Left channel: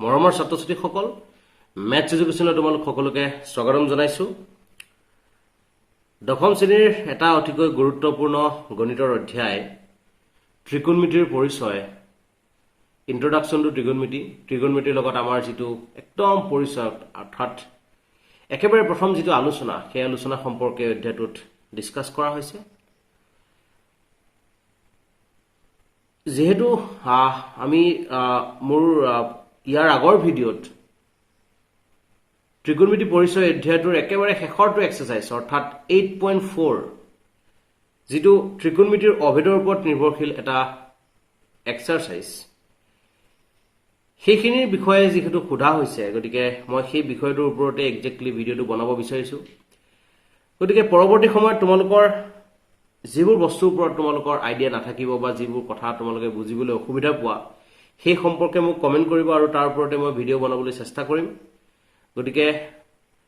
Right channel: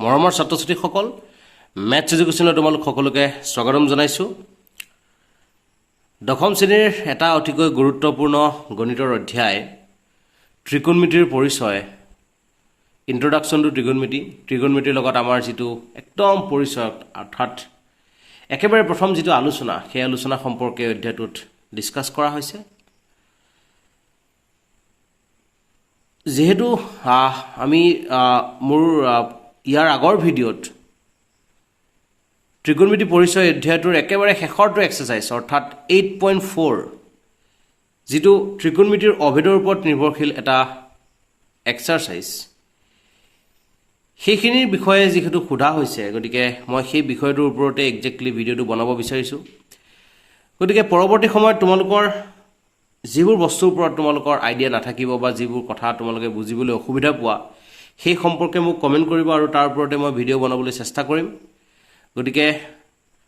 মৰমৰ ছাত্ৰ-ছাত্ৰীসকল ম্যাথছ এডুকেশ্যনৰ তোমালোক সকলোকে স্বাগতম জনাইছো দশম শ্ৰেণীৰ এটা অতিকৈ গুৰুত্বপূৰ্ণ গণিতৰ অধ্যায় ত্ৰিকোণমিতিৰ পৰিচয় ইন্ট্ৰোডাকশন টু ত্ৰিকোণমিতিৰ লগত আমাৰ যেটো একদম পৰিচয় অৰ্থাৎ একেবাৰে প্ৰথম যেটো আলোচনা সেই আলোচনা সম্পৰ্কে অধ্যায়টোত ডিসকাস কৰা হৈছে যেহেতু আমি মোৰ ইয়াৰ আগৰ ভিডিঅ'ত ত্ৰিকোণমিতি পৰিচয় অধ্যায়টোৰ একেবাৰে শেষৰটো এক্সাৰসাইজ অৰ্থাৎ 8.4 যেটো ত্ৰিকোণমিতিৰ অভেদৰ ওপৰত নিৰ্ভৰশীল এটা এক্সাৰসাইজ সেইখিনিৰ বিষয়ে যেহেতু সোধা হৈছে গতিকে মই সেই বিষয়টোৰ ওপৰতে এক্স্যাক্টলি ভিডিঅ'টো বনাব বিচাৰিছো গতিকে পৰৱৰ্তী সময়ত তোমালোকৰ যিবোৰ বস্তুৰ ওপৰত তোমালোকৰ আইডিয়া নাথাকিব বা যিবোৰ কথা তোমালোকে বুজিবলৈ অসুবিধা পোৱা সেই সম্পৰ্কে মোক কমেন্ট কৰিব আৰু তাৰ ওপৰতে মই ভিডিঅ' বনাবলৈ চেষ্টা কৰিম গতিকে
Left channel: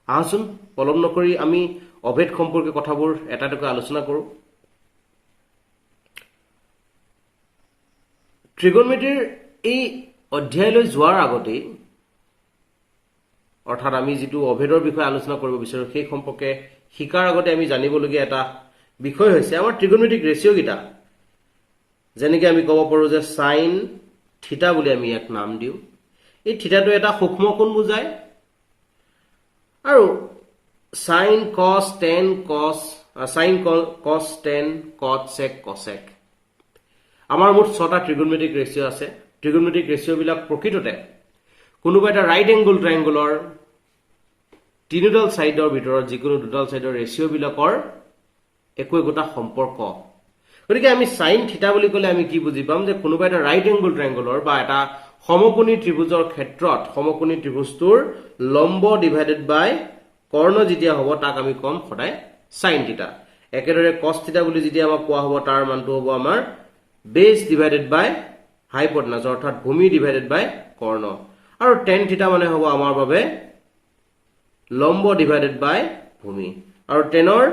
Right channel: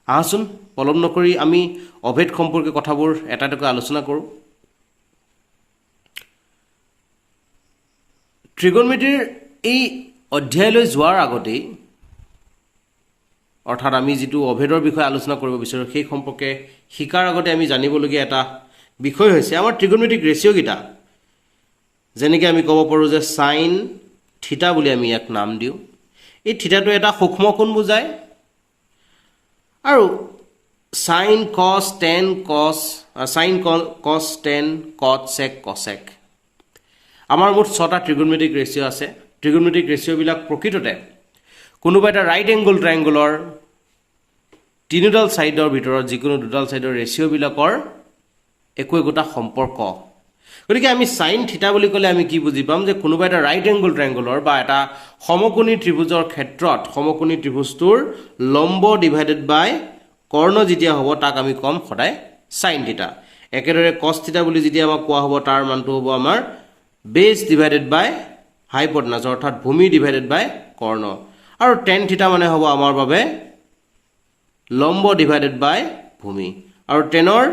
আহচোন পলম নকৰি আমি অভেদ সম্পৰ্কে কথাবোৰ এটাকৈ আলোচনা কৰো ত্ৰিকোণমিতিৰ এই অধ্যায়লৈ যোৱাৰ আগতে অৰ্থাৎ আমি যেটো অভেদৰ বিষয়ে আলোচনা কৰিব বিচাৰো সেই সম্পৰ্কে শিকাৰ আগতে আমি জানিবলগীয়া এটা বিষয় হৈছে আমাৰ ত্ৰিকোণমিতিক ৰেশিও গিটা যেনেকৈ আমি ক'ব পাৰো যে sin থিটা বুলি আমি ইয়াক নাম দিও এই থিটাটো এটা সূক্ষ্ম কোণ বুজায় আৰু sin cos tan cos sin cos tan cot sec cosec আমাৰ মুঠ 6টা ত্ৰিকোণমিতিক ৰেশিও আছে ত্ৰিকোণমিতিক ৰেশিও বিলাক প্ৰকৃততে কোনোবা এটা ৰাইট এংগল ট্ৰায়াঙ্গলৰ তিনিডাল সাইডৰ ভিতৰত যিকোনো দুডাল সাইডৰ ৰেশিও বিলাকৰ একোটা সম্পৰ্ক গতিকে আমি sin থিটা বুলি কলে আমি কি বুজি পাম যে কোনোবা এটা ৰাইট এংগল ট্ৰায়াঙ্গলৰ বা এটা সমকোণী ত্ৰিভুজৰ ক্ষেত্ৰত সমকোণী ত্ৰিভুজটোৰ লম্ব ডিভাইডেড বাই কৰ্ণ যেতিয়া হ'ব তাক আমি কম সদায় sin থিটা একেদৰে cos থিটা বুলি যেতিয়া আমাক কোৱা হ'ব তাৰ মানটো হ'ব আমাৰ বেস ডিভাইডেড বাই হাইপোটেনাস অৰ্থাৎ ভূমি ডিভাইডেড বাই কৰ্ণ আৰু tan থিটা মানে হ'ব আমাৰ বাবে লম্ব ডিভাইডেড বাই ভূমি আৰু tanৰ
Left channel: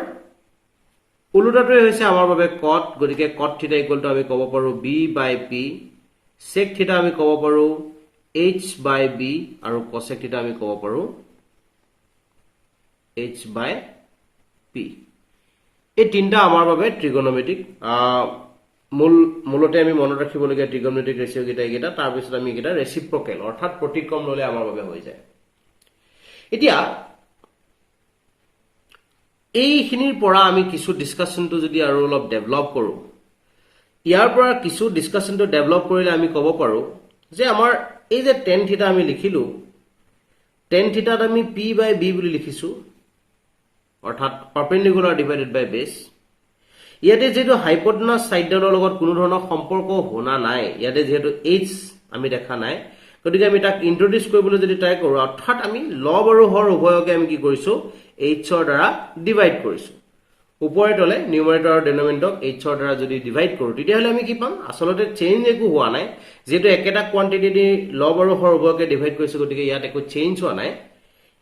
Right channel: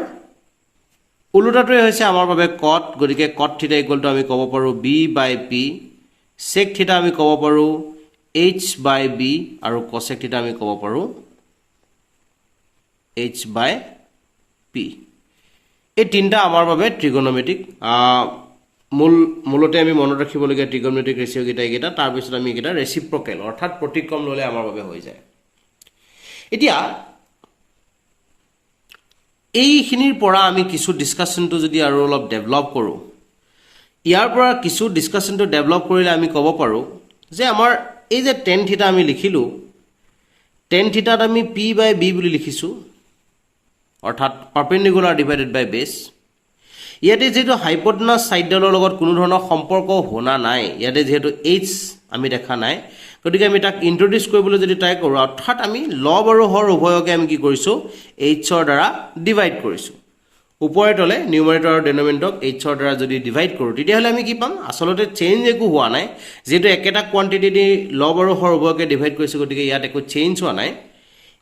উলুটাটোই হৈছে আমাৰ বাবে cot গতিকে cot থিটা ইকুৱেল টু আমি ক'ব পাৰো b বাই p sec থিটা আমি ক'ব পাৰো h বাই b আৰু cosec থিটা আমি ক'ব পাৰো h বাই p এই তিনটা আমাৰ বাবে ত্ৰিকোণমিতিক মূলতে আমি মনত ৰাখিবলগীয়া ত্ৰিকোণমিতিক ৰেশিও গিটা তাৰ পিছত আমি গিটা ৰেচিপ্ৰকেল অৰ্থাৎ প্ৰতিক্ৰম ললে আমাৰ বাবে হৈ যায় এতিয়া এইখিনিৰ পৰা আমি কিছু ডিসকাশনটো যদি আৰু অলপ ডেভেলপ কৰো ইয়াৰ পৰা কিছু ডিসকাশনটো ডেভেলপ কৰিলে আমি ক'ব পাৰো যে আমাৰ এই যে tan থিটা আমি লিখিলো tan থিটাত আমি p বাই b বুলি লিখিছো অৰ্থাৎ পাৰপেন্ডিকুলাৰ ডিভাইডেড বাই বেস ইয়াতে যেটো হাইপোটেনাস সাইডৰ লগত কোনো ধৰণৰ সম্পৰ্ক হোনা নাই ইয়াতে যেটো h আমি দেখা নাই গতিকে আমি তাক ইন্ট্ৰোডিউস কৰিবলৈ যদি ট্ৰাই কৰো অৰ্থাৎ আমি লব আৰু হৰ উভয়কে আমি কি কৰিছো h ৰ দ্বাৰা ডিভাইড কৰিছো ওপৰে তলে নিউমাৰেটৰ আৰু ডিনোমিনেটৰক h ৰ দ্বাৰা যদি ডিভাইড কৰো তেতিয়াহলে আমি কি পাম আসলতে চেঞ্জ একো হোৱা নাই যেটো একেটা কোৱান্টিটি দি লব আৰু হৰ উভয়কে ডিভাইড কৰিছো গতিকে ইয়াত একো চেঞ্জ হোৱা নাই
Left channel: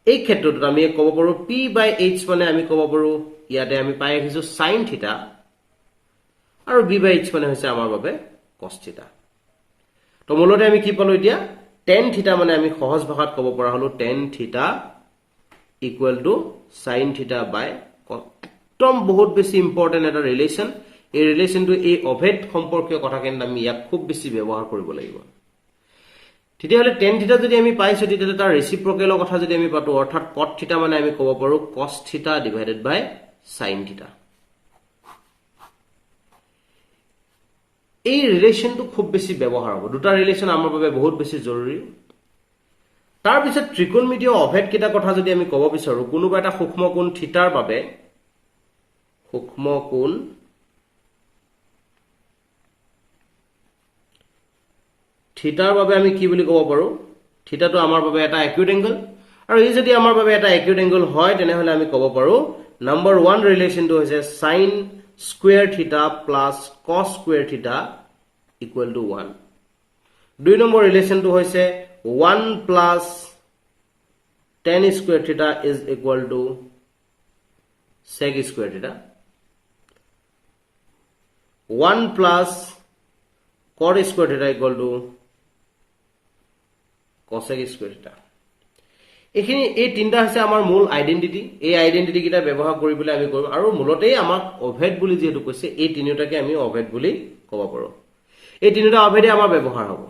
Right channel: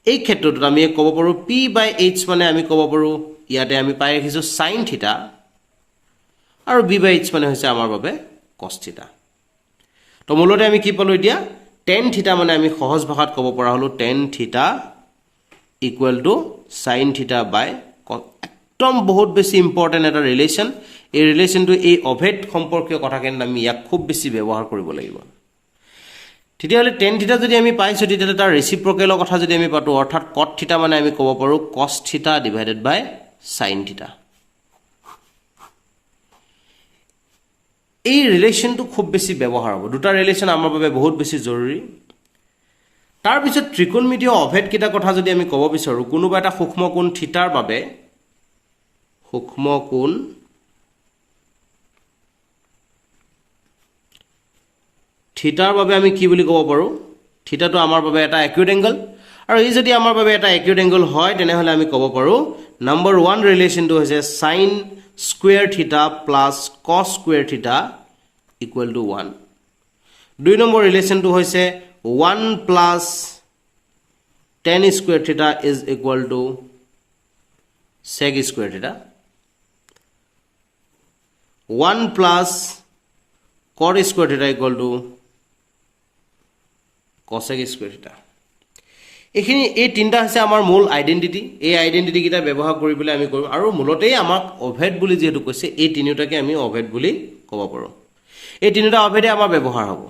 এই ক্ষেত্ৰত আমি ক'ব পাৰো p বাই h মানে আমি ক'ব পাৰো ইয়াতে আমি পাই ৰাখিছো sin থিটা আৰু b বাই h মানে হৈছে আমাৰ বাবে cos থিটা তো মূলতে আমি কি পালো এতিয়া tan থিটা মানে আমি সহজ ভাষাত ক'ব পৰা হলো tan থিটা ইকুৱেল টু sin থিটা বাই cos একদম বহুত বেছি ইম্পৰ্টেন্ট এটা ৰিলেচন এই ৰিলেচনটো এই অভেদ সম্পৰ্কীয় কথাখিনি আমি ইয়াক খুব বেছি ব্যৱহাৰ কৰিব লাগিব তেতিয়াহলে tan থিটা যদি আমি পাইছো তেতিয়াহলে তাৰ ৰেচিপ্ৰকেলৰ কথা যদি আমি পাতো অৰ্থাৎ cot থিটা মানে আমি ক'ব পাৰো cos থিটা ডিভাইডেড বাই sin থিটা এই ৰিলেচনটো খুব বেছি ব্যৱহাৰ হ'ব দুটা ৰিলেচন আমাৰ বাবে বহুত বেছি জৰুৰী তাৰ পিছত ত্ৰিকোণমিতিয় অভেদ কিটা কথা যদি আমি ক'ব বিচাৰো কোনোবা এটা সূক্ষ্ম কোণ থিটাৰ বাবে সূক্ষ্ম কোণ থিটাৰ বাবে আমি কি বুলি ক'ব পাৰো থিটাটো আমাৰ বাবে এটা একিউট এংগল আৰু এই যদি আমাৰ বাবে এটা একিউট এংগল হয় তেনেহলে আমি ক'ব পাৰো নম্বৰ 1 ৰিলেচনটো হৈছে sin square theta plus cos square theta equal to 1 দুই নম্বৰ ৰিলেচনটো হৈছে 1 plus tan square theta is equal to sec square theta 1 plus cot square theta equal to cosec square theta এখিনি এই তিনটা আছে আমাৰ মূল আইডেন্টিটি এই আইডেন্টিটি কিটা ব্যৱহাৰ কৰি বলে আমি কৰো আৰু মূলতে আমাক অভেদ বুলি যেটো কৈছে এই তিনিটাকে আমি অভেদ বুলি ক'ব পাৰো এই তিনিটা অভেদে আমাৰ ব্যৱহাৰ হ'ব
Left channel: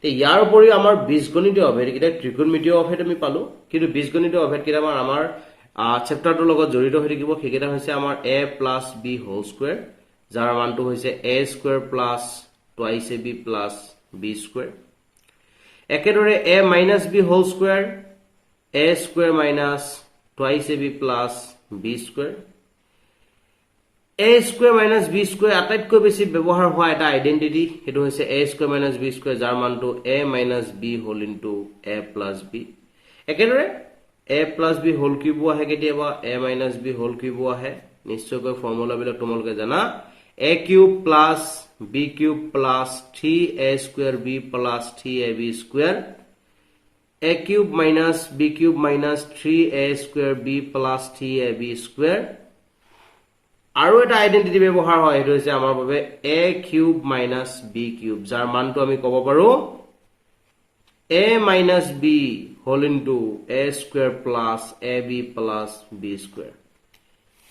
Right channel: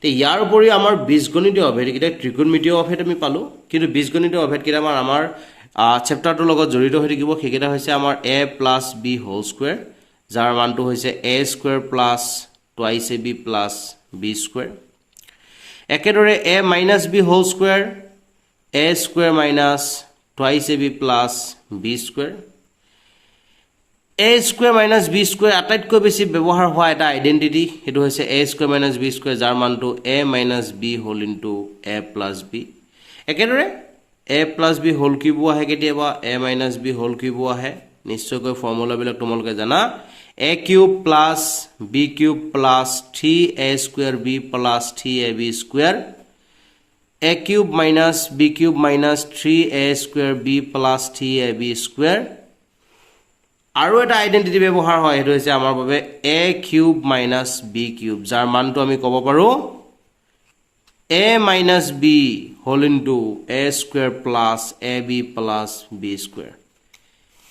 তে ইয়াৰ উপৰি আমাৰ বীজগণিতীয় অভেদ কিটা ত্ৰিকোণমিতীয় অভেদ আমি পালো কিন্তু বীজগণিতীয় অভেদ কিটা আমাৰ চেপ্টাৰটোৰ লগত জড়িত হৈ থাকিব সেইকেইটা হৈছে আমাৰ a + b হোল স্কয়াৰ যাৰ মানটো হৈছে a square plus twice ab plus b square একেদৰে a - b whole square a square minus twice ab plus b square a square minus b square আটাইতকৈ বেছি ব্যৱহাৰ হোৱা এটা আইডেন্টিটি হেতু হৈছে a square minus b square যাৰ মানটো a minus b whole into a plus b একেদৰে a plus b whole cube আহে কেতিয়াবা a minus b whole cube আহে নিশ্চয়কৈ ফৰ্মুলা বিলাক তোমালোকে জানা a cube plus b cube plus 3a square b plus 3ab square a cube minus b cube minus 3a square b plus 3ab square আৰু এটা identity ব্যৱহাৰ হয় হেতু হৈছে আমাৰ বাবে a cube minus b cube যাৰ মানটো আমি ক'ব পাৰো a minus b whole into a square plus ab plus b square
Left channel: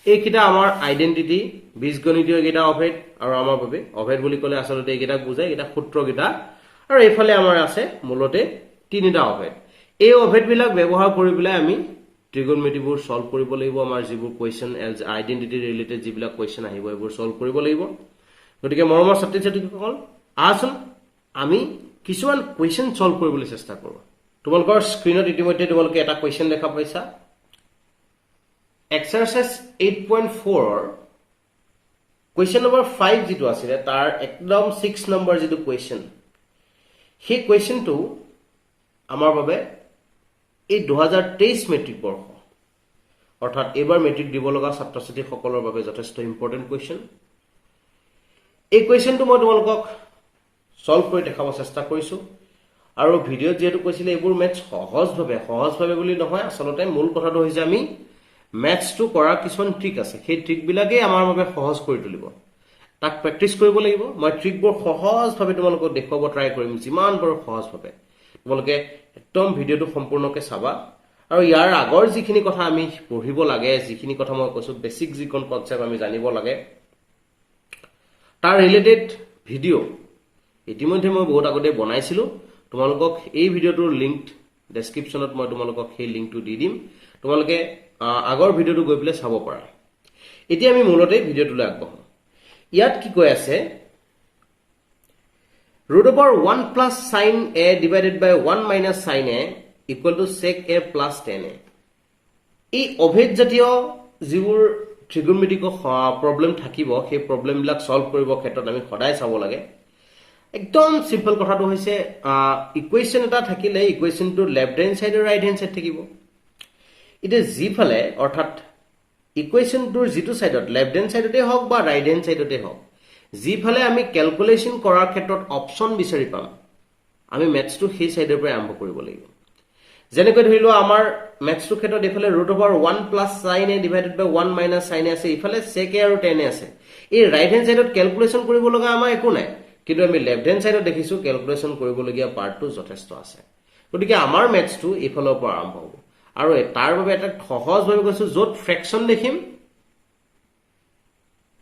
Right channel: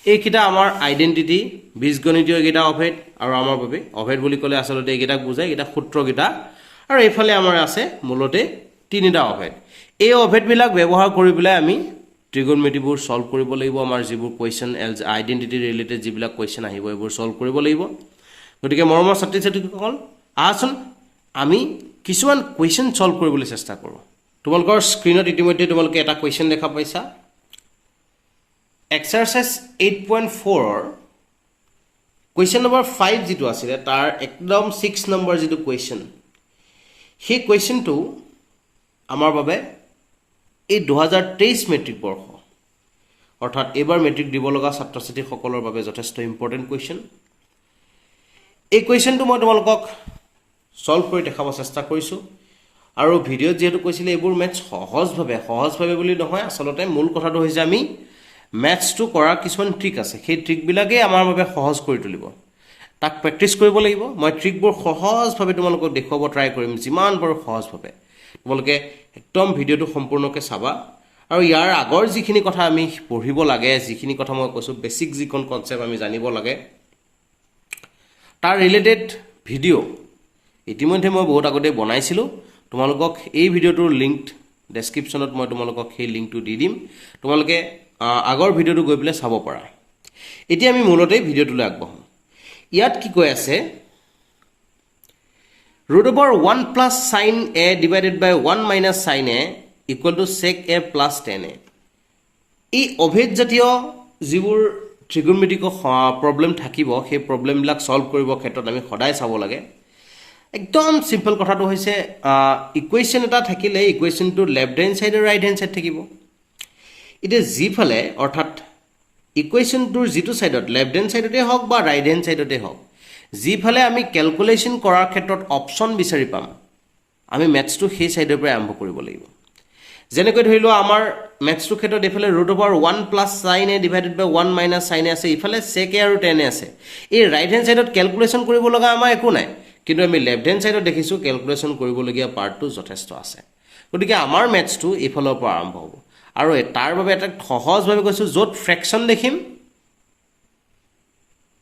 এইকিটা আমাৰ আইডেন্টিটি বীজগণিতীয় কিটা অভেদ আৰু আমাৰ বাবে অভেদ বুলি ক'লে আসলতে এইকিটা বুজায় এটা সূত্ৰ কিটা আৰু এইফালে আমাৰ আছে মূলতে তিনিটা অভেদ এই অভেদ বিলাক ব্যৱহাৰ কৰি বলে আমি ত্ৰিকোণমিতিবোৰ সলভ কৰিব লাগিব আমাৰ যিবোৰ কোৱেশ্চন আইডেন্টিটি ৰিলেটেড যিবিলাক কোৱেশ্চন আহিব এইবোৰ সলভ কৰিব লাগিব গতিকে মৰমৰ ছাত্ৰী ছাত্ৰীসকল আহচোন আমি কিছুমান কোৱেশ্চন সলভ কৰিবলৈ চেষ্টা কৰো তোমালোকৰ স্ক্ৰিনত ইতিমধ্যে তোমালোকে এটা কোৱেশ্চন দেখা পাইছা এক্সাৰসাইজ 8.4 ৰ কোৱেশ্চন নম্বৰ 5 যেটো আছিল তাৰ একদম 6 নম্বৰ যেটো কোৱেশ্চন সেই কোৱেশ্চনটো আমাৰ বাবে এই 2023 মেট্ৰিক বৰ্ষ অৰ্থাৎ এবাৰ মেট্ৰিক দিব লগা ছাত্ৰ ছাত্ৰী সকলৰ বাবে যথেষ্ট ইম্পৰ্টেন্ট কোৱেশ্চন এই কোৱেশ্চনটো মই তোমালোকক সলভ কৰি দেখাব চেষ্টা কৰিছো আৰু ভিডিঅ যেটো কৈছিলে এইবোৰ মেথছ সহজভাৱে বুলি নহয় আসলতে মূল কথাটো হৈছে আমি মেথছটো কৰাৰ কিছুমান ট্ৰিক আছে সেই ট্ৰিক বিলাকে আমাৰ বাবে সহজ কৰি তুলিব তাক প্ৰেক্টিছ কৰিব লাগিব মই ট্ৰিকবোৰ সহজভাৱে তোমালোকক দেখুৱাব ট্ৰাই কৰিম যিমান পাৰো সহজভাৱে তোমালোকে একদম ভিডিওটো সম্পূৰ্ণকৈ চাবা আৰু ইয়াৰ আগৰ যিখিনি কথা আমি পঢ়িব লাগে যিখিনি কথা মই কৈছো বেসিক যিকোন কনসেপ্ট আমি জানিব লাগে তাৰ ৰিলেটেড ভিডিও ইতিমধ্যে মই বহুত আগতে বনাইছিলো তোমালোকক এই ভিডিওটোৰ লিংক ডেসক্ৰিপচনত মই তোমালোকক সেই লিংকটো দি দিম তোমালোকে আগৰ ভিডিওটো গৈ পেলাই চাব পাৰা এতিয়া আমি মূলতে ভিডিওটোলৈ আগবঢ়ো ইয়াত কি কৈ আছে root over 1 plus sin a divided by 1 minus sin a equal to sec a plus tan a এই অভেদ জাতীয় যিবোৰ ত্ৰিকোণমিতিক প্ৰবলেম থাকিব সেই প্ৰবলেম বিলাক সলভ কৰিব ক্ষেত্ৰত আমি সদায় চাব লাগে একদম সিম্পল কথাটো হৈছে ইকুৱেচন এটা থাকিলে ইকুৱেচনটো লেফট হ্যান্ড সাইড আৰু ৰাইট হ্যান্ড সাইড থাকিব ইট ইজ জিফালে অৰ্থাৎ ইকুৱেচনটোৰ যেটো সাইডত লেফট হ্যান্ড সাইডতে হওক বা ৰাইট হ্যান্ড সাইডতে হওক জিফালে আমি ক্যালকুলেশন কৰাৰ ক্ষেত্ৰত অপচন বিচাৰি পাম আমি ম্যাথছটো সেই সাইডৰ পৰা আৰম্ভ কৰিব লাগিব যেনেকৈ ধৰিলো আমাৰ ম্যাথছটো ক্ষেত্ৰত এফালে √1 plus sin a divided by 1 minus sin a আছে ইফালে sec a আৰু tan a আছে এই ৰাইট হ্যান্ড সাইডত ক্যালকুলেশন কৰিব লগা আমাৰ একো নাই কিন্তু আমি লেফট হ্যান্ড সাইডত দেখিছো ক্যালকুলেশন কৰিব লগিয়া পাৰ্টটো যথেষ্ট আছে গতিকে আমাৰ ম্যাথছটো ইফালৰ পৰা আৰম্ভ হ'ব আৰু তাৰ বাবে এটা সহজভাৱে কৈছো যত ফ্ৰেকশন দেখিম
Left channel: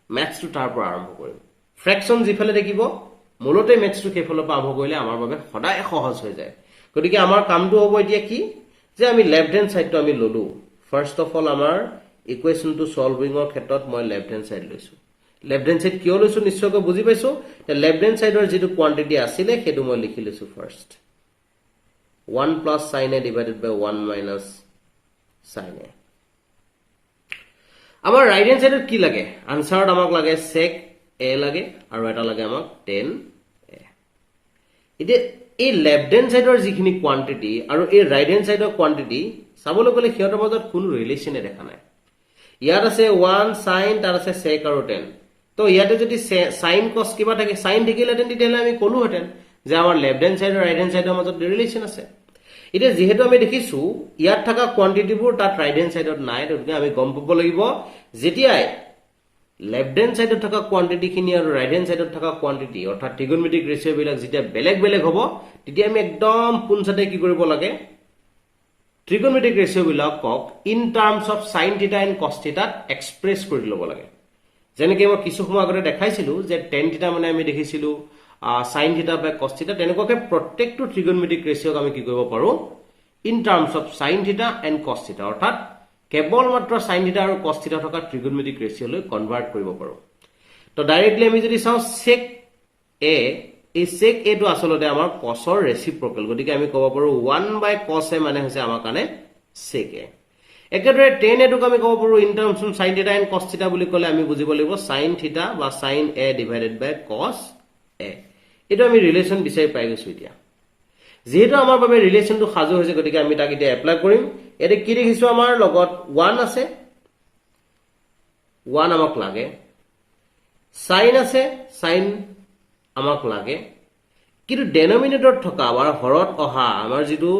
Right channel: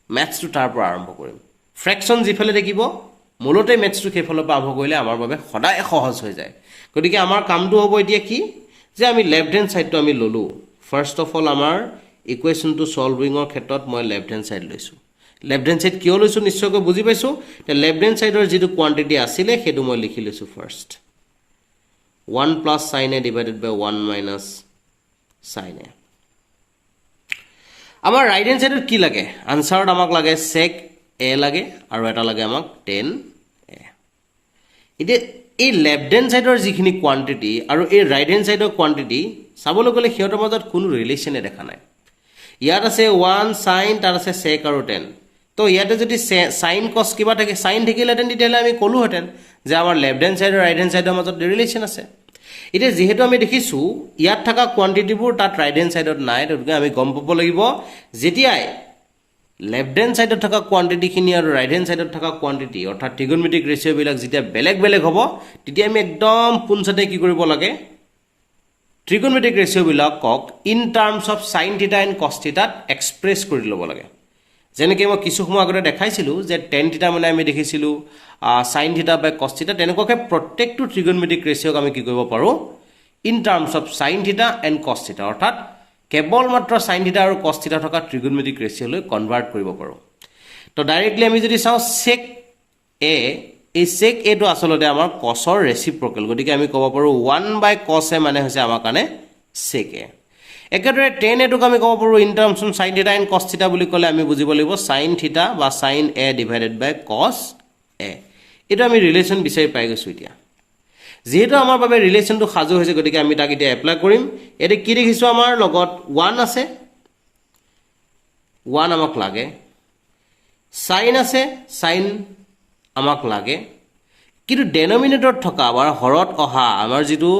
ম্যাথছটো তাৰ পৰা আৰম্ভ কৰিম ফ্ৰেকশন জিফালে দেখিব মূলতে ম্যাথছটো কেফালৰ পৰা আৰম্ভ কৰিলে আমাৰ বাবে সদায় সহজ হৈ যায় গতিকে আমাৰ কামটো হ'ব এতিয়া কি যে আমি লেফট হ্যান্ড সাইডটো আমি ললো ফাৰ্স্ট অফ অল আমাৰ ইকুৱেচনটো সলভিংৰ ক্ষেত্ৰত মই লেফট হ্যান্ড সাইড লৈছো লেফট হ্যান্ড সাইড কিয় লৈছো নিশ্চয়কৈ বুজি পাইছো তে লেফট হ্যান্ড সাইডৰ যেটো কোৱান্টিটি আছিল হেতু মই লিখি লৈছো first 1 plus sin a divided by 1 minus sin a আমাৰ ৰাইট হ্যান্ড সাইডত কি লাগে আনসাৰত আমাক লাগে sec a লাগে আৰু এটা লাগে আমাক tan a ইতে এই লেফট হ্যান্ড সাইডৰ যিখিনি কোৱান্টিটি আৰু এই ৰাইট হ্যান্ড সাইডৰ কোৱান্টিটি চাবলৈ গলে হিয়তৰ মাজত কোনো ৰিলেচনে দেখা নাই ইয়াত আছে 1 sin তাৰ আছে sec আৰু tan তো ইয়াতে যদি sin cos কিবা থাকে sin থাকিলেতেন তেতিয়ালে আমি কলো হেতেন যে আমাৰ লেফট হ্যান্ড সাইড আৰু ৰাইট হ্যান্ড সাইডৰ মাজত ৰিলেচন আছে ইতে যেহেতু আমি দেখিছো ইয়াত থকা কোৱান্টিটিবোৰ তাত ৰাইট হ্যান্ড সাইডত নাই গতিকে আমি গম পাব লাগিব যেতিয়াই লেফট হ্যান্ড সাইডত থকা কোয়ান্টিটিখিনি আৰু ৰাইট হ্যান্ড সাইডত থকা কোয়ান্টিটি অৰ্থাৎ ট্ৰিগোনোমেট্ৰিক ৰেশিও বিলাক যেতিয়া বেলেগ বেলেগ হ'ব তেতিয়া আমি একদম পুনছতে কি কৰিব লাগে ট্ৰিগোনোমেট্ৰিক ৰেশিও বিলাকক in terms of sin θ and cos θ express কৰি ল'ব লাগে যেনেকৈ মই কিছু সময় আগতে দেখাইছিলো যে tan θ মানে আমি দেখিছিলো sin θ by cos θ তেনেকুৱাকৈ প্ৰত্যেকটো ট্ৰিগোনোমেট্ৰিক ৰেশিওক আমি কি কৰিব পাৰো in terms of sin θ and cos θ অৰ্থাৎ কেৱল মাত্ৰ sin θ আৰু cos θ থকা ট্ৰিগোনোমেট্ৰিক ৰেশিওলৈ কনভাৰ্ট কৰিব পাৰো তো ডাইৰেক্টলি আমি যদি চাওঁ sec a এই sec a টো আসলতে আমাৰ cos ৰ ৰেচিপ্ৰকেল গতিকে আমি ক'ব পাৰো 1 by cos a মানে হৈছে আমাৰ কাৰণে sec a একেদৰে tan a টোক আমি ক'ব পাৰো in terms of sin θ and cos θ বুলি ক'লে আমি বুজিব লাগিব sin θ বা sin a divided by cos a এটা আমি ৰিলেচন বিচাৰি পাই গৈছো এতিয়া যেহেতু আমাৰ বাবে ৰিলেচনটো সাজু হৈছে গতিকে আমি তাক এতিয়া এপ্লাই কৰিম এতে কি দেখিছো আমাৰ লগত 1 আছে 1 আমাক লাগে sin আছে sin আমাক লাগে কিন্তু ডেনোমিনেটৰ থকা আমাৰ হৰত অহা আমাৰ যেটো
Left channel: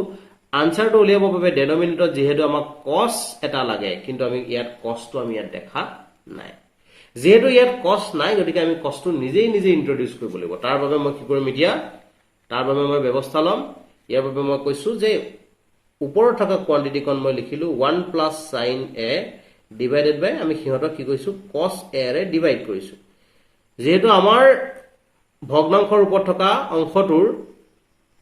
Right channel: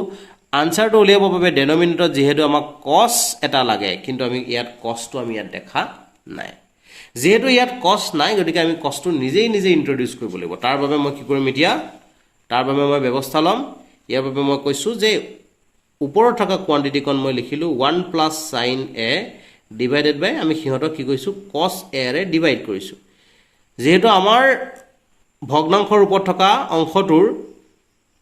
আনসাৰটো উলিয়াব বাবে ডেনোমিনেটৰ যেহেতু আমাক cos এটা লাগে কিন্তু আমি ইয়াত cos টো আমি ইয়াত দেখা নাই যেহেতু ইয়াত cos নাই গতিকে আমি cos টো নিজেই ইন্ট্ৰোডিউস কৰিব লাগিব তাৰ বাবে মই কি কৰিম এতিয়া তাৰ বাবে মই ব্যৱস্থা লম ইয়াৰ বাবে মই কৈছো যে ওপৰত থকা কোয়ান্টিটি কোন মই লিখিলো 1 plus sin a ডিভাইডেড বাই আমি হিহতক কি কৈছো cos a ৰে ডিভাইড কৰিছো যেহেতু আমাৰ ভগ্নাংশৰ ওপৰত থকা অংশটোৰ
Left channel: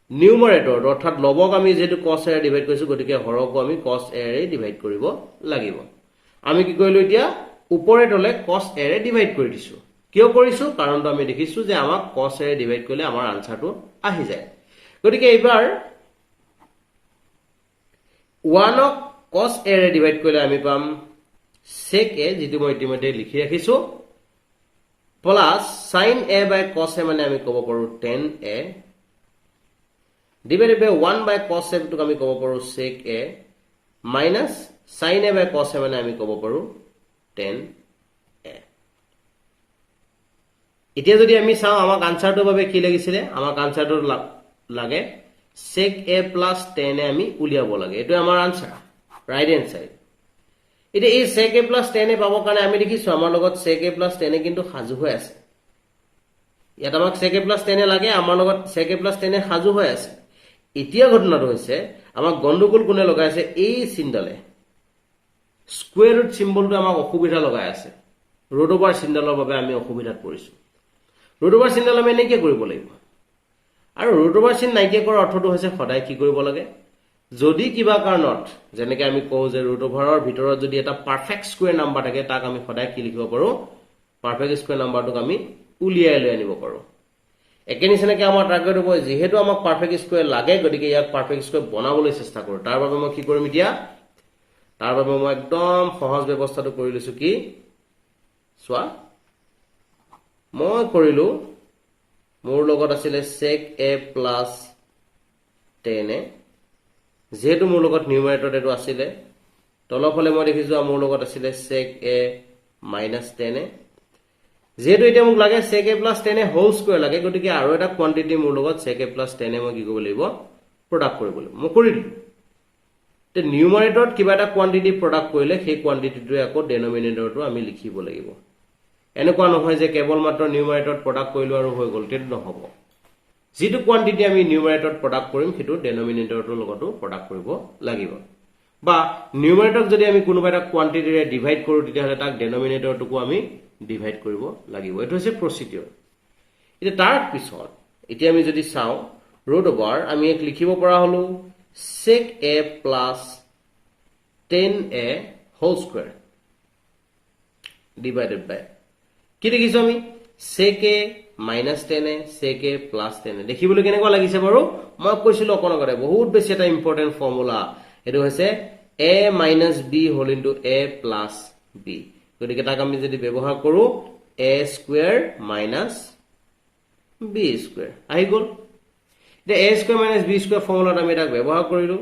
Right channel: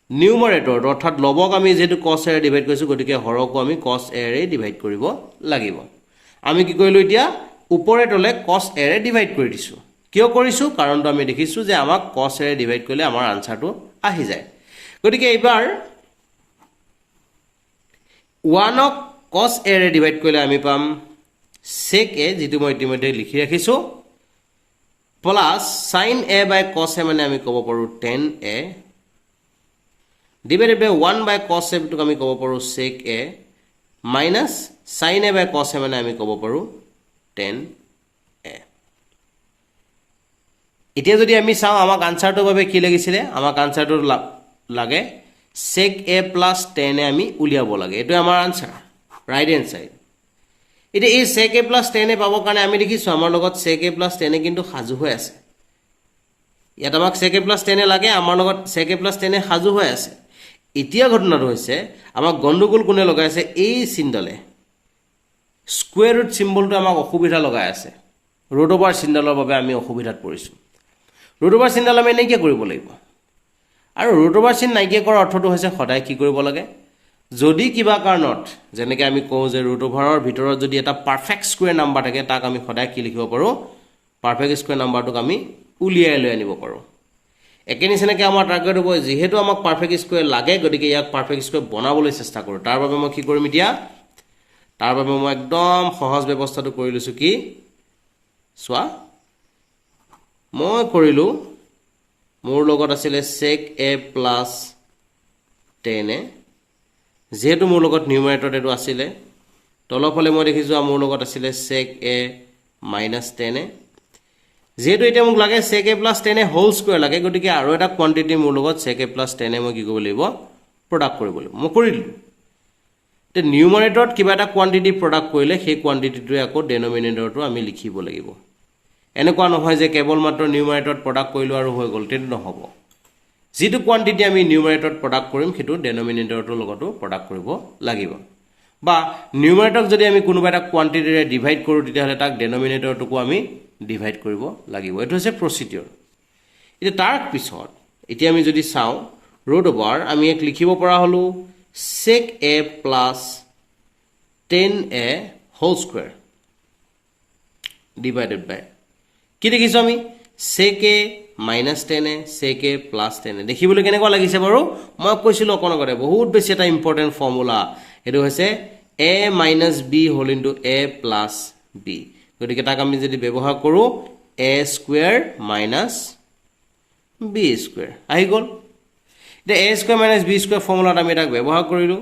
নিউমাৰেটৰ অৰ্থাৎ লবক আমি যেহেতু cos a ৰে ডিভাইড কৰিছো গতিকে হৰকো আমি cos a ৰে ডিভাইড কৰিব লাগিব আমি কি কৰিলো এতিয়া ওপৰেতলে cos a ৰে ডিভাইড কৰি দিছো কিয় কৰিছো কাৰণটো আমি দেখিছো যে আমাক cos a ৰে ডিভাইড কৰিলে আমাৰ আনসাৰটো আহি যায় গতিকে এবাৰ 1 ক cos a ৰে ডিভাইড কৰিলে আমি পাম sec a যেটো মই ইতিমধ্যে লিখি ৰাখিছো plus sin a by cos a মানে আমি ক'ব পাৰো tan a divided by 1 by cos a টোক আমি ক'ব পাৰো sec a minus sin a by cos a মানে আমি ক'ব পাৰো tan a এতিয়া যদি আমি চাও আমাক আনসাৰটো বাবে কি লাগিছিলে আমাক আনসাৰটো লাগে sec a plus tan a আমি উলিয়াব লাগে এটো আমাৰ আনসাৰ ৰাইট হ্যান্ড সাইড এটা এই sec a plus tan a পাবৰ কাৰণে আমি দেখিছো আমাৰ লগত sec a plus tan a কিন্তু সাজু হৈ আছে ইয়াত আমাক sec a plus tan a লাগে আমাৰ লগত sec a plus tan a সাজু হৈ আছে এতিয়া ঘটনাটো হৈছে আমাক গণ্ডগোল কোনে লগাইছে এই চিনডালে স্কয়াৰ ৰুট সিম্বলটো আমাক অসুবিধা লগাই আছে ৰুট ওভাৰ চিনডালৰ বাবে আমি অসুবিধাত পৰিছো ৰুট ওভাৰ চিনডাল আমি নাইকিয়া কৰিব লাগিব আৰু ৰুট ওভাৰ চিন নাইকিয়া কৰাৰ অৰ্থটো হৈছে সদায় কি কৰিব লাগে যদি কিবা কাৰণত যেনেকৈ আমি কওঁ যে ৰুট ওভাৰৰ ভিতৰত যদি এটা পাৰফেক্ট স্কয়াৰ নাম্বাৰ থাকে তাক আমি সদায় কি লিখিব পাৰো পাৰফেক্ট স্কয়াৰ নাম্বাৰটোক আমি উলিয়াই লৈ আনিব পাৰো একেনিছেনেকৈ আমাৰ টাৰ্গেট হ'ব যেহেতু আমাক পাৰফেক্ট স্কয়াৰ লাগে গতিকে ইয়াক পাৰফেক্ট স্কয়াৰ বনাবলৈ চেষ্টা কৰো তাৰ বাবে মই কি কৰিম এতিয়া তাৰ বাবে মই একদম সহজ ব্যৱস্থাটো কৰি লৈছো কি সোৱা মই কৰিলো মোৰ লগত আছিল sec a plus tan a যেহেতু মোৰ লগত নিউমাৰেটৰ এটো আছিল তলফালে মই দেখিছো মোৰ লগত আছিল sec a minus tan a যেহেতু এটা মোক লাগে sec a plus tan a whole square লাগে গতিকে আৰু এটা কোয়ান্টিটি মোৰ লগত sec a plus tan a মই কি কৰিব লাগিব প্ৰডাক্ট কৰিব লাগিব মই কৰিলো তে নিউমাৰেটৰত কিবা এটা কোয়ান্টিটি প্ৰডাক্ট কৰিলে সেই কোয়ান্টিটিটোৱে আকৌ ডেনোমিনেটৰটো আমি লিখিব লাগিব এনেকুৱা নহয় যে কেৱল মাত্ৰ নিউমাৰেটৰত প্ৰডাক্ট কৰিলো আৰু হৈ গ'ল তেনে নহব যেটো কোয়ান্টিটি আমি নিউমাৰেটৰত প্ৰডাক্ট কৰিম হেতু ডেনোমিনেটৰটোৰ লগতো প্ৰডাক্ট কৰিব লাগিব বা নিউমাৰেটৰক যদি আমি কোনোবা এটা কোয়ান্টিটিৰে ডিভাইড কৰো তেতিয়াহলে তাক ডেনোমিনেটৰটোকো আমি ডিভাইড কৰিব লাগিব এটো হৈছে প্ৰসিডিউৰ এটা তাৰ পিছত এতিয়া আমি যদি চাও ৰুট ওভাৰ আমি এক লিখিব পৰা হলো sec a plus tan a whole square divided by কি দেখিছো আমি sec a minus tan a sec a plus tan a দেখিবলৈ কেনেকুৱা লাগিছে বাৰু মই কৈছিলো অকনগৰে বহুত বেছি এটা ইম্পৰ্টেন্ট ফৰ্মুলা এটো হৈছে a minus b whole into a plus b গতিকে তাক আমি যদি ব্যৱহাৰ কৰো a square minus b square আহি গল এটা a square minus b square ফৰ্মুলাত আমি তাক ব্যৱহাৰ কৰিলো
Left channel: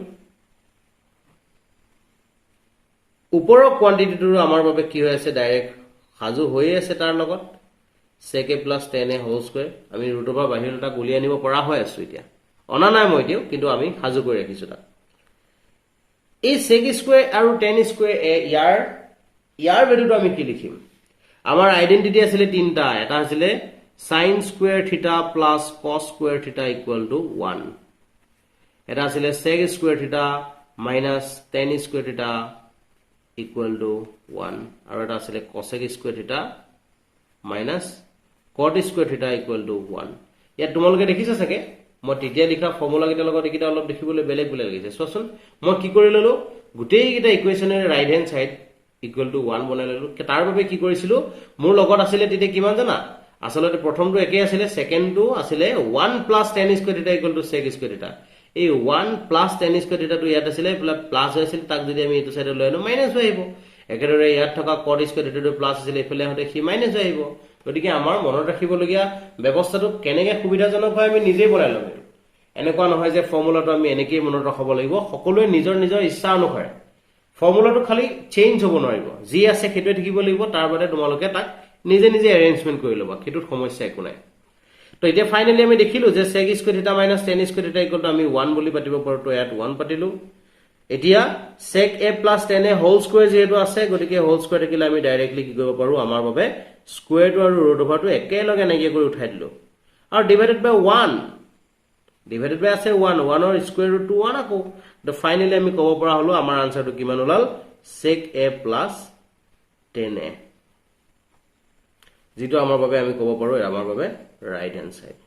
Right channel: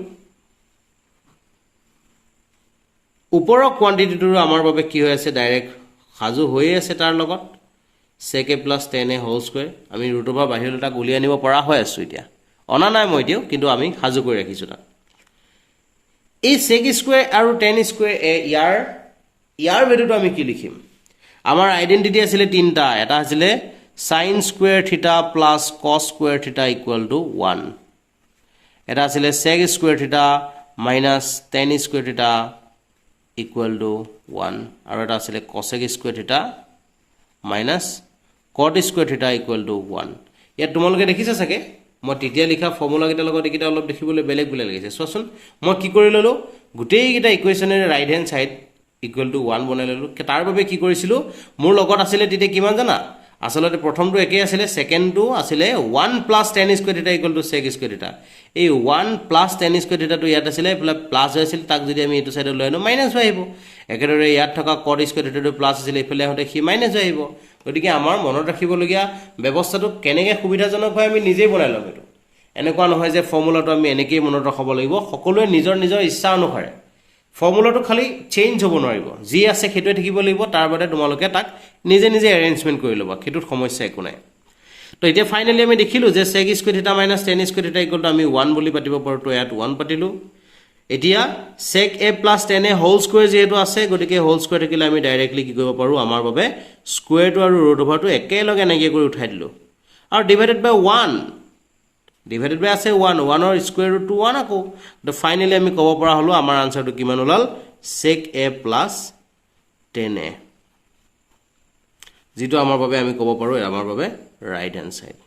ওপৰৰ কোয়ান্টিটিটো আমাৰ বাবে কি হৈ আছে ডাইৰেক্ট সাজু হৈ আছে তাৰ লগত sec a plus tan a whole square আমি ৰুট ওভাৰ বাহিৰলৈ তাক উলিয়াই আনিব পৰা হৈ আছে এতিয়া অনা নাই মই দিও কিন্তু আমি সাজু কৰি ৰাখিছো তাক এই sec square আৰু tan square a ইয়াৰ ভ্যালুটো আমি কি লিখিম আমাৰ আইডেন্টিটি আছিলে তিনটা এটা আছিলে sin square theta plus cos square theta equal to 1 এটা আছিলে sec square theta minus tan square theta equal to 1 আৰু এটা আছিলে cosec square theta minus cot square theta equal to 1 ইয়াত তোমালোকে দেখিছা চাগে মই তেতিয়া লিখা ফৰ্মুলা কেইটা লগত একিটা অলপ দেখিবলৈ বেলেগ বেলেগ লাগিছে চোৱাচোন মই কি কৰি ললো গোটেই কেইটা ইকুৱেচনৰ right hand side equal to 1 বনাই ললো তাৰ বাবে কি কৰিছিলো মোৰ লগত আছিলে তেতিয়া কিমান জানা আসলতে প্ৰথমটো একে আছিলে সেকেন্ডটো আছিলে 1 plus tan square theta equal to sec square theta এই 1 plus tan square theta টো ইয়াত আছিলে প্লাস হৈছিল তাক যদি আমি এটো সাইডে লৈ আনো মাইনাস হৈ আহিব একেদৰে ইয়াত থকা cot square theta টো প্লাস আছিল এফালে হতে কি মাইনাস হৈ আহিব গতিকে আমাৰ মনত ৰাখিবলগীয়া ব্যৱস্থাটো কেনেকৈ সুবিধাজনক হয় আমি নিজেই বনাই লম এনেকুৱা নহয় যে ফৰ্মুলাটো আমি এনেকৈ মনত ৰাখব লাগিব সকলোৱে নিজৰ নিজৰ ইচ্ছা অনুসাৰে ফৰ্মুলাটো খালি চেঞ্জ হ'ব নোৱাৰিব যি আছে সেইটো থাকিব লাগিব তাৰ বাদে তোমালোকে তাক নিজে নিজে এৰেঞ্জমেন্ট কৰি লবা সেইটো সমস্যা একো নাই তো এতিয়া ফাইনালি আমি দেখিলো যে sec square theta minus tan square theta equal to আমি 1 বুলি পাতিব পাৰো তো ইয়াত 1 পাতিলো এতিয়া sec a plus tan a whole square যেটো আছে গতিকে whole square থাকিলে আমি ডাইৰেক্টলি কি কৰিব পাৰো আমাৰ বাবে স্কয়াৰ টো আৰু ৰুট ওভাৰ টো একেলগে নাগিয়ে কৰি উঠাই দিলো আৰু ডিভাইডেড বাই 1 divided by আছে 1 1 or square root to 1 আকৌ তো ফাইনালি আমি কব পৰা হলো আমাৰ আনসাৰটো কিমান ওলাল sec a plus tan a যেটো আমাৰ বাবে আমি কব পাৰো আমাৰ বাবে ৰাইট হ্যান্ড সাইড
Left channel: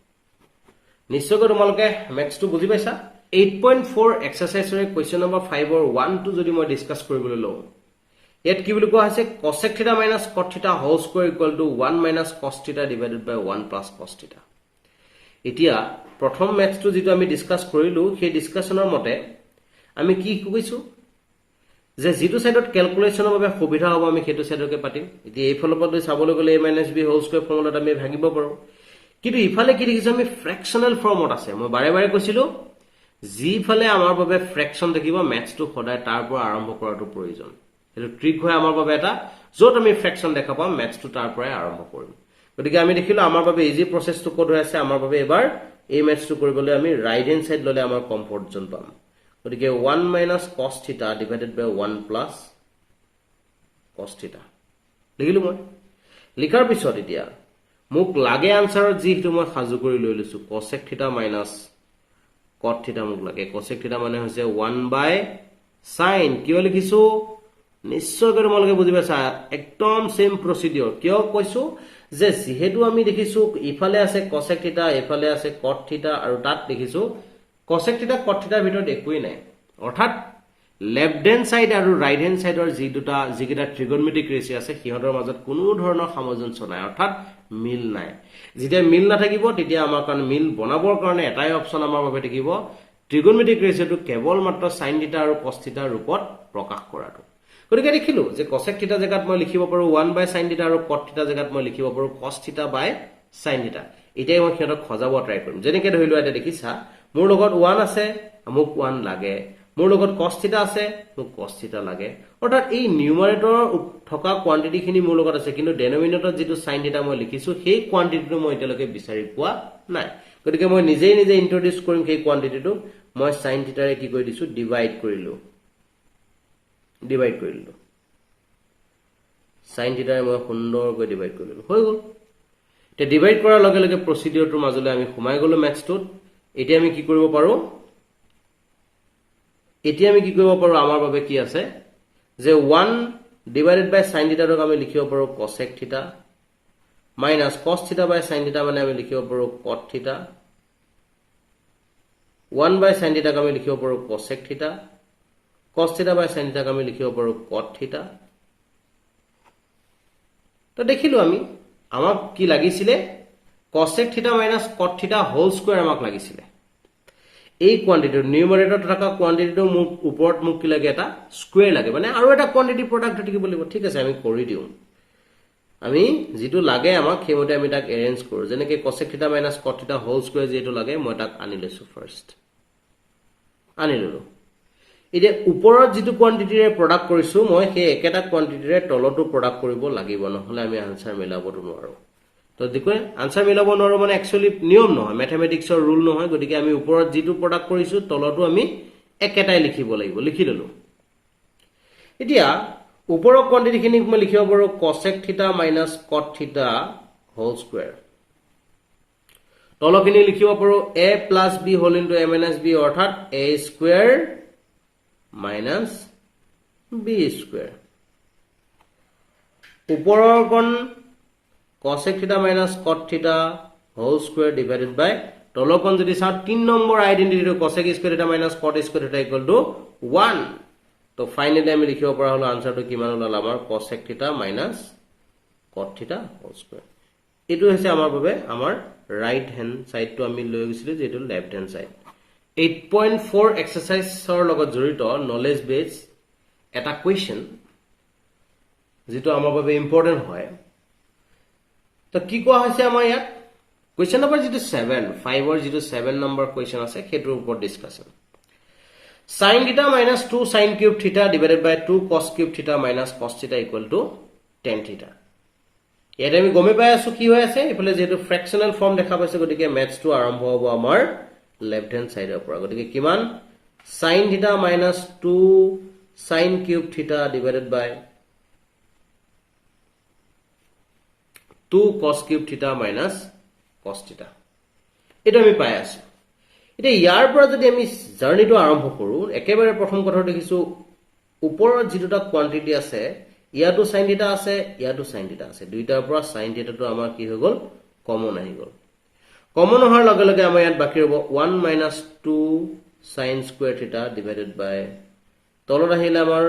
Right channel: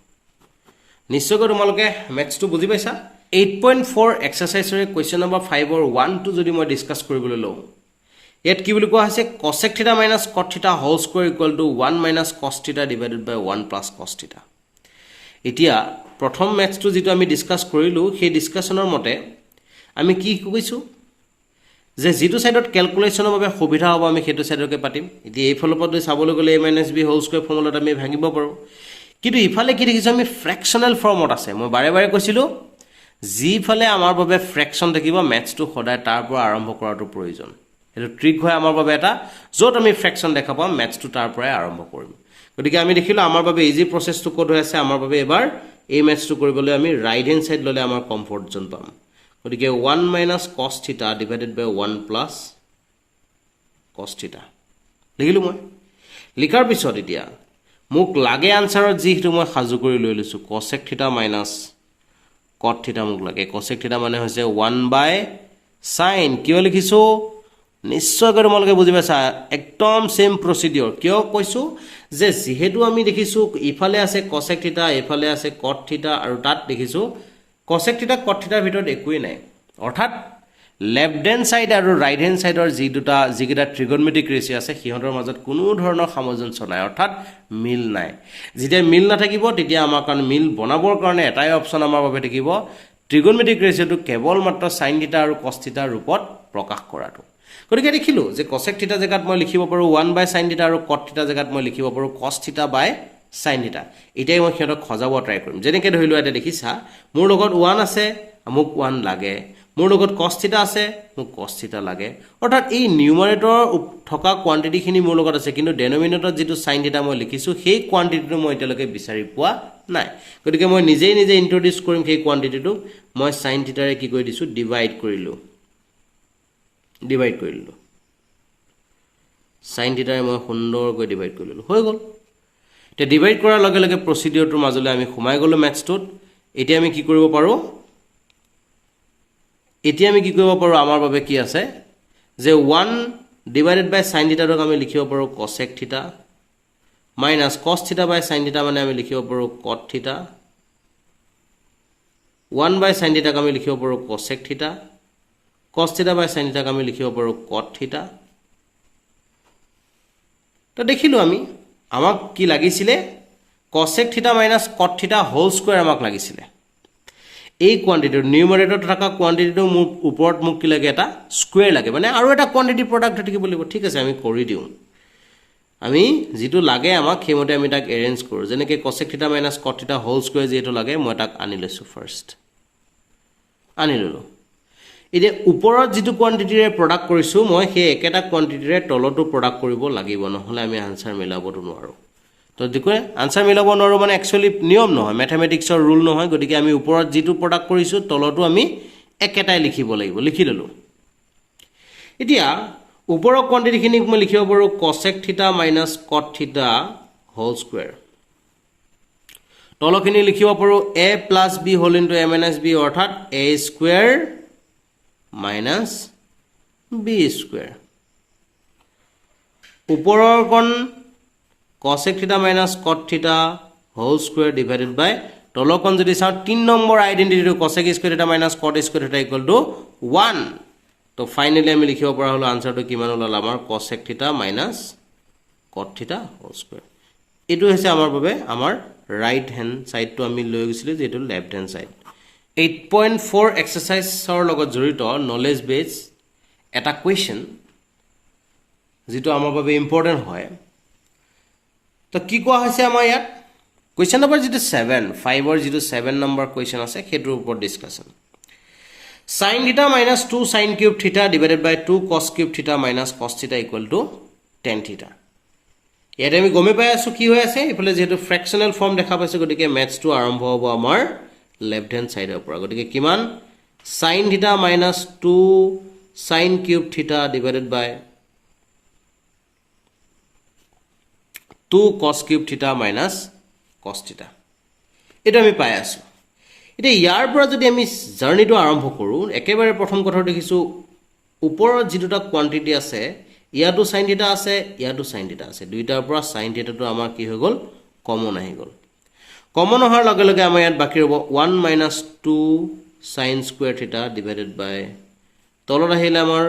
নিশ্চয়কৈ তোমালোকে ম্যাথছ টো বুজি পাইছা 8.4 এক্সাৰসাইজৰ কোৱেশ্চন নম্বৰ 5 or 1 টো যদি মই ডিসকাস কৰিবলৈ লওঁ ইয়াত কি বুলি কোৱা হৈছে cosec theta minus cot theta whole square equal to 1 minus cos theta divided by 1 plus cos theta এতিয়া প্ৰথম ম্যাথছটো যেটো আমি ডিসকাস কৰিলো সেই ডিসকাশনৰ মতে আমি কি কৈছো যে যেটো সাইডত ক্যালকুলেশনৰ বাবে সুবিধা হ'ব আমি হেতু সাইডকে পাতিম এতিয়া এই ফলপদ চাবলৈ গলে a - b হোল স্কয়াৰ ফৰ্মুলাত আমি ভাঙিব পাৰো কিন্তু ইফালে কি দেখিছো আমি ফ্ৰেকশনাল ফৰ্মত আছে মই বাৰে বাৰে কৈছিলো জি ফালে আমাৰ বাবে ফ্ৰেকশন দেখিব ম্যাথছটো সদায় তাৰ পৰা আৰম্ভ কৰাটো প্ৰয়োজন এটো ট্ৰিক হয় আমাৰ বাবে এটা যত আমি ফ্ৰেকশন দেখা পাম ম্যাথছটো তাৰ পৰা আৰম্ভ কৰিম গতিকে আমি দেখিলো আমাৰ বাবে ইজি প্ৰসেসটো কোড হৈ আছে আমাৰ বাবে এবাৰ এই ম্যাথছটো কৰিবলৈ আমি ৰাইট হ্যান্ড সাইড ললে আমাৰ কমফৰ্ট জোন পাম গতিকে 1 minus cos theta divided by 1 plus cos theta লিখিলো মই লিখাৰ পিছত এতিয়া মোক লাগে আনসাৰত যিটো মই সাজু কৰি লৈ লৈছো cosec theta minus cot theta মোক লাগে cosec theta মানে হৈছে 1 by sin কিয় লিখিছো নিশ্চয় কৰি মলকে বুজি পাইছা একদম সেম প্ৰসিডিউৰ কিয় কৈছো যে যেহেতু আমি দেখিছো ইফালে আছে cosec theta ইফালে আছে cot theta আৰু তাত দেখিছো cosec theta cot theta ভিতৰত একোই নাই অৰ্থাৎ লেফট হ্যান্ড সাইড আৰু ৰাইট হ্যান্ড সাইডৰ যি দুটা যিকেইটা ট্ৰিগোনোমেট্ৰিক ৰেশিও আছে সিহঁতৰ মাজত কোনো ধৰণৰ সামঞ্জস্য নাই অৰ্থাৎ মিল নাই যেতিয়া মিল নাথাকিব তেতিয়া আমাৰ কাৰণ মিল বনাবৰ কাৰণে এটাই অপচন আমাৰ বাবে থাকিব ট্ৰিগোনোমেট্ৰিক ৰেশিওটো কেৱল মাত্ৰ sin theta আৰু cos theta ৰূপত প্ৰকাশ কৰাটো গতিকে দেখিলো যে cosec theta জায়গাত মই লিখিব পাৰো 1 by sin theta আৰু cot theta জায়গাত মই লিখিব পাৰো cos theta by sin theta এটাই মই হেতক খজাব ট্ৰাই কৰিম যেনেকৈ ধৰিলো এটা দেখিছা মোৰ লগত 1 আছে মোক 1 লাগে মোৰ লগত cos theta আছে মোক cos theta লাগে অৰ্থাৎ এই নিউমাৰেটৰ থকা কোৱান্টিটি খিনি মোৰ লগত আছে কিন্তু ডেনোমিনেটৰত যেটো sin theta মই লিখিছো সেই কোৱান্টিটিটো মই এতিয়ালৈকে বিচাৰি পোৱা নাই গতিকে মই নিজে ইন্ট্ৰোডিউস কৰিম সেই কোৱান্টিটিটো মই sin theta ৰে কি কৰি দিছো ডিভাইড কৰিলো sin theta ৰে মই সুন্দৰকৈ ডিভাইড কৰিলো হৈ গল তে ডিভাইড কৰাৰ লগে লগে প্ৰসিডিউৰটোৰ মাজলৈ আমি সোমাই গলো ম্যাথছটোত এতিয়া আমি কি কৰিব পাৰো আমাৰ বাবে কি আছে যে 1 divided by sin theta ক আমি লিখিব পাৰো cosec theta minus cos theta by sin theta মানে আমি লিখিব পাৰো cot theta 1 by sin theta ক আমি লিখিব পাৰো cosec theta cos theta by sin theta ক আমি লিখিব পাৰো cot theta তো দেখিলো আমি আমাক কি লাগিছিলে cosec theta minus cot theta whole square আমাক লাগিছিলে এই কোয়ান্টিটি নিউমাৰেটৰ থকা কোয়ান্টিটিটো মোক ওপৰত মোক কি লাগে এটা স্কয়াৰ লাগে মানে আৰু এটা কোয়ান্টিটি প্ৰডাক্ট থাকিব লাগিব ঠিক আছে আমি কৰি দিও আমি যেটো লাগে আমাক হেমতে আমি তাক এৰেঞ্জ কৰো যেনেকৈ cosec theta minus cot theta whole square যেটো লাগে মই তাক আনি লৈছো ফাৰ্স্ট আনি ললো এতিয়া ওপৰত যেটো কোয়ান্টিটিৰে প্ৰডাক্ট কৰিছো মই সেই একেটা কোয়ান্টিটিৰে তলটো প্ৰডাক্ট কৰিব লাগিব নহলে আমি আনসাৰ মিলাবটো নোৱাৰো তো দেখো আনসাৰ মিলাব নোৱাৰো মানে একচুয়ালি নিয়ম নহয় ম্যাথমেটিক্সৰ ৰুল নহয় গতিকে আমি ওপৰত যেটো প্ৰডাক্ট কৰিছো তলটো আমি একেটাই লিখিব লাগিব লিখি ললো এতিয়া ওপৰৰ কোৱান্টিটিখিনিক মই লিখিব পাৰো cosec থিটা মাইনাছ cot থিটা হোল স্কয়াৰ তলখিনি লিখিব পাৰো a plus b whole into a minus b অৰ্থাৎ a square minus b square ওপৰৰ কোণ cosec থিটা minus cot থিটা whole square divided by তলৰ কোণ যদি চাও 3 নম্বৰ আইডেন্টিটিটো cosec square থিটা minus cot square থিটা equal to 1 তো ফাইনালি আমি লিখিব পৰা হলো আনসাৰটো কিমান হল আমাৰ cosec থিটা minus cot থিটা whole square এটো হৈছে আমাৰ বাবে আমাৰ right hand side to আমি লৈ গৈছিল যেটো left hand side 8.4 exerciseৰ লগত জড়িত knowledge base এটা question যেটো আমাৰ বাবে ইম্পৰ্টেন্ট হয় তো কি কোৱা হৈছে আমাৰ ইয়াত question number যেটো 7 5 or যেটো 7 number question আছে হেতৰ ওপৰত discussion sin theta minus 2 sin cube theta divided by 2 cos cube theta minus cos theta equal to tan theta ইয়াতে আমি গমে পাই আছো কি হৈ আছে ইফালে যেটো ফ্ৰেকশনাল ফৰ্ম দেখা পাইছো গতিকে ম্যাথছ টু আৰম্ভ হ'ব আমাৰ লেফট হ্যান্ড সাইডৰ পৰা গতিকে কিমান sin theta minus 2 sin cube theta divided by 2 cos cube theta minus cos theta এটা আমি পাই আছো এটা ইয়াৰ পৰা যদি আমি জাৰ্নিটো আৰম্ভ কৰো একেবাৰে প্ৰথম কথা দেখিছো ওপৰত যেটা কোৱান্টিটি আছে ইয়াটো sin theta আছে ইয়াটো sin theta আছে দুইটাৰ পৰা sin theta টো আমাৰ কি হৈ গল কমন আহি গল কমন হোৱাৰ লগে লগে আমাৰ ইয়াত বাকি ৰব 1 minus 2 sin square theta divided by তলত আহিলে আমাৰ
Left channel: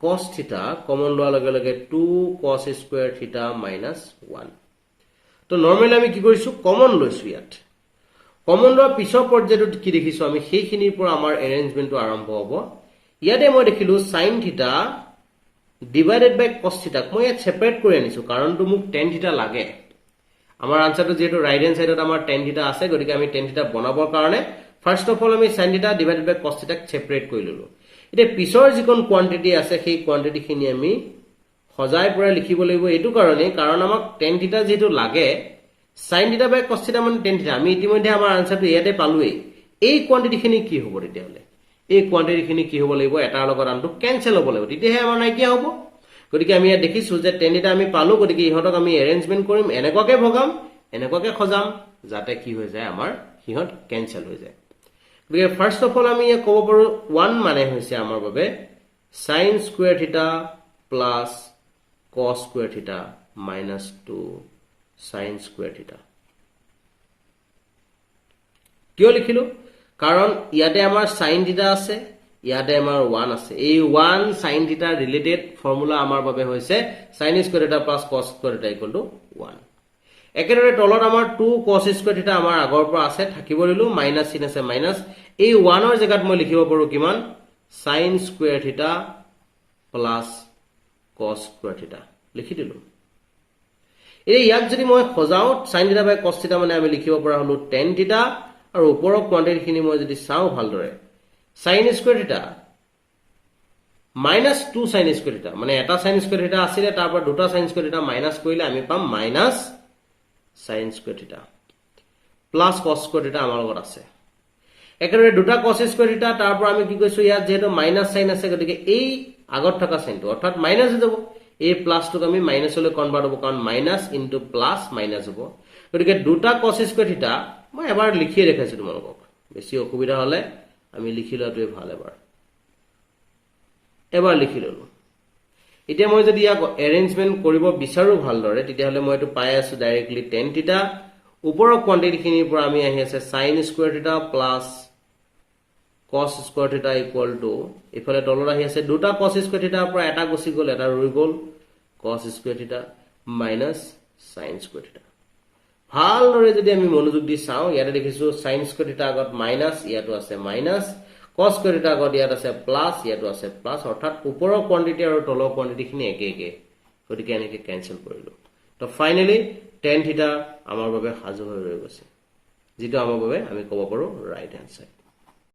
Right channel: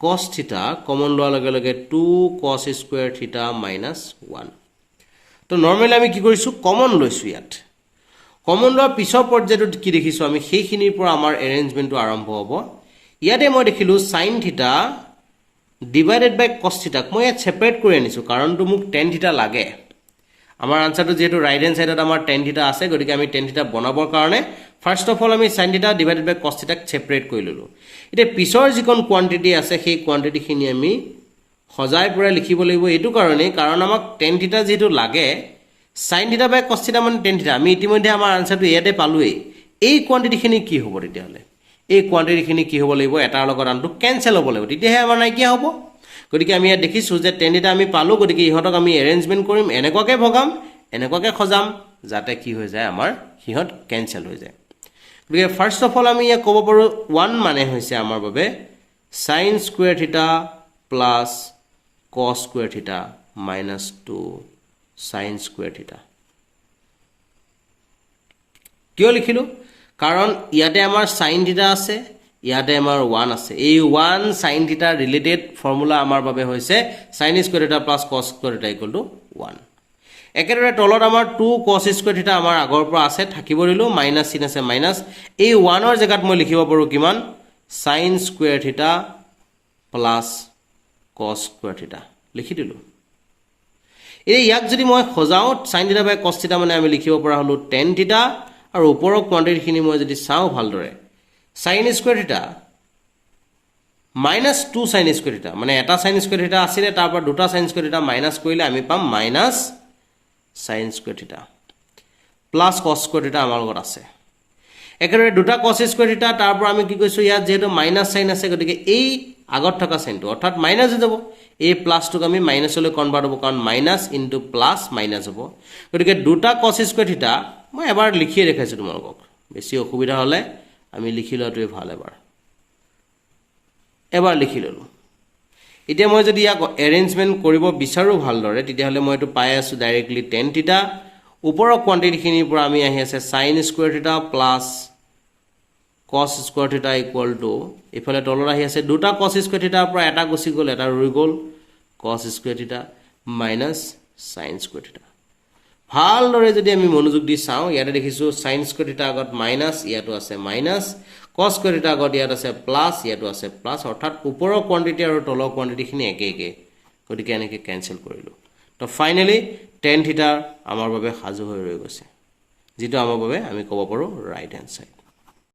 cos theta কমন লোৱাৰ লগে লগে 2 cos square theta minus 1 তো নৰমালি আমি কি কৰিছো কমন লৈছো ইয়াত কমন লোৱাৰ পিছৰ পৰ্যায়ত কি দেখিছো আমি সেইখিনিৰ পৰা আমাৰ এৰেঞ্জমেন্টটো আৰম্ভ হ'ব ইয়াতে মই দেখিলো sin theta divided by cos theta মই ইয়াত সেপাৰেট কৰি আনিছো কাৰণটো মোক tan theta লাগে আমাৰ আনসাৰটো যেটো ৰাইট হ্যান্ড সাইডত আমাৰ tan theta আছে গতিকে আমি tan theta বনাবৰ কাৰণে ফাৰ্স্ট অফ অল আমি sin theta divided by cos theta separate কৰি ললো এটা পিছৰ যিকোন কোৱান্টিটি আছে সেই কোৱান্টিটি খিনি আমি সজাই পৰে লিখিব লাগিব এটো কাৰণে কাৰণ আমাক tan theta যেটো লাগে sin theta by cos theta মানে tan theta আমি ইতিমধ্যে আমাৰ আনসাৰটো ইয়াতে পালোই এই কোৱান্টিটি খিনি কি হ'ব তেতিয়াহলে এই কোৱান্টিটি খিনি কি হ'ব লাগিব এটাৰ লগত আনটো ক্যান্সেল হ'ব লাগিব তেতিয়াহে আমাৰ নাই কি হ'ব গতিকে আমি ইয়াত দেখিছো যে tan theta আমি পালো গতিকে ইহতক আমি এৰেঞ্জমেন্ট কৰিম এনেকুৱাকে ভগাম এনেকুৱাকে খজাম যাতে কি হৈ যায় আমাৰ হিহত ক্যান্সেল হৈ যায় গতিকে ফাৰ্স্ট অফ অল আমি ইয়া ক'ব পাৰো 1 মানে হৈছে আমাৰ বাবে sin square theta plus cos square theta minus 2 sin square theta কিয় লিখিলো কাৰণ ইয়াতে আমাৰ sin theta আছে ইয়াতে আমাৰ 1 আছে এই 1 sin theta ৰিলেটেড ফৰ্মুলা আমাৰ বাবে হৈছে sin square theta plus cos square theta equal to 1 একেদৰে তলত আমাৰ 2 cos square theta আমাৰ আগৰ পৰা আছে থাকিব দিলো মাইনাস চিন আছে মাইনাস এই 1 ৰ জাগাত মই লিখিব পাৰো কিমান sin square theta plus cos square theta লিখি দিলো এই ইয়াক যদি মই খজাও sin theta by cos theta মানে আমি লিখিব পৰা হলো tan theta আৰু ওপৰৰ কোৱান্টিটি খিনি মই যদি চাও ভালদৰে sin square theta minus 2 sin square theta মানে এটা sin square theta আছিল তাৰ পৰা দুটা sin square theta মাইনাস কৰিলে আমি পাম minus sin square theta plus cos square theta আমাৰ লগত আছে একেদৰে দুটা cos square theta তাৰ পৰা আমি কি কৈছো ইয়াত যেটো মাইনাস sin আছে গতিকে এই আগত থকা সাইনটো অৰ্থাৎ মাইনাস হৈ যাব এই প্লাস টুক আমি মাইনাসলৈ কনভাৰ্ট হ'ব কাৰণ মাইনাস ইনটু প্লাস মাইনাস হ'ব গতিকে দুটা cos square theta মই এবাৰ লিখি দেখাইছো তোমালোকক বেছি অসুবিধা হলে আমি লিখি লোৱাটোৱে ভাল এবাৰ লিখি ললো এতিয়া মই যদি ইয়াক এৰেঞ্জমেন্ট কৰিব বিচাৰো ভালদৰে তেতিয়াহলে মই এটো পাই আছো ডাইৰেক্টলি tan theta ওপৰৰ কোৱান্টিটি খিনিৰ পৰা আমি আহি আছে sin square theta plus cos square theta equal to ইফালে তলৰ আহি আছে দুটা cos square theta পৰা এটা গুছি গল এটা ৰৈ গল cos square theta minus sin square theta ভালদৰে যদি আমি মনোযোগ দি চাও ইয়াতে দেখিছো sin square theta আগত মাইনাস ইয়াটো আছে মাইনাস cos square theta আগত ইয়াত আছে প্লাস ইয়াটো আছে প্লাস অৰ্থাৎ ওপৰৰ কোৱান্টিটি আৰু তলৰ কোৱান্টিটি খিনি একে একে গতিকে এনেকে ক্যান্সেল কৰিলো তো ফাইনালি tan theta আমাৰ বাবে সাজু হৈ ৰৈ গৈছে যেটো আমাৰ বাবে আমি ক'ব পাৰো ৰাইট হ্যান্ড সাইড